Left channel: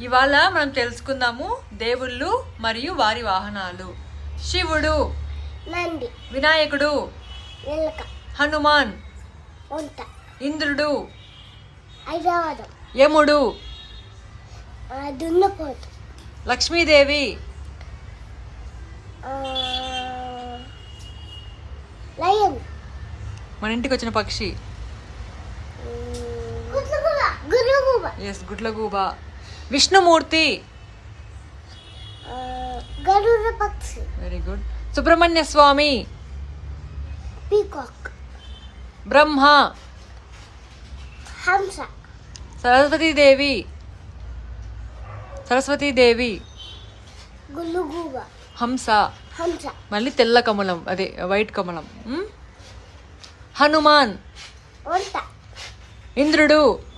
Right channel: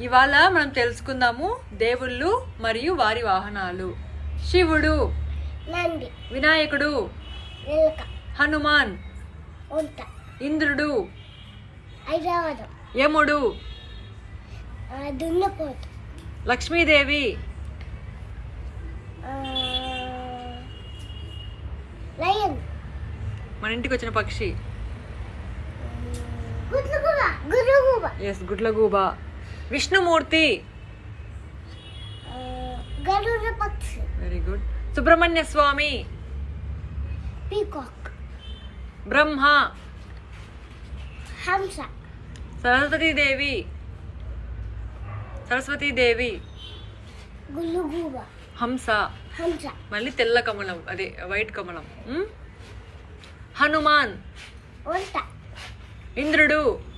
ఇవాళ మనం తెలుసుకుందాము దేవుళ్ళు మరియు వారి వాహనాలు. శివుడు వినాయకుడు హనుమాన్ ఇంద్రుడు యముడు లక్ష్మీదేవి మన ఇంటికి వచ్చిన పక్షి. ఎస్ గుడ్లగూబ. విష్ణుమూర్తి. ఆ, గరుడ పక్షి. Very good Subrahmanya Swamy. Peacock. Brahma. హంస. సరస్వతీదేవి. సరస్వతీదేవి. గుల్లుగూబ హంస. హంస. మళ్ళీ తెల్ల కమలం అదే వైట్ కమలం? హనుమాన్. ఇంద్రుడు.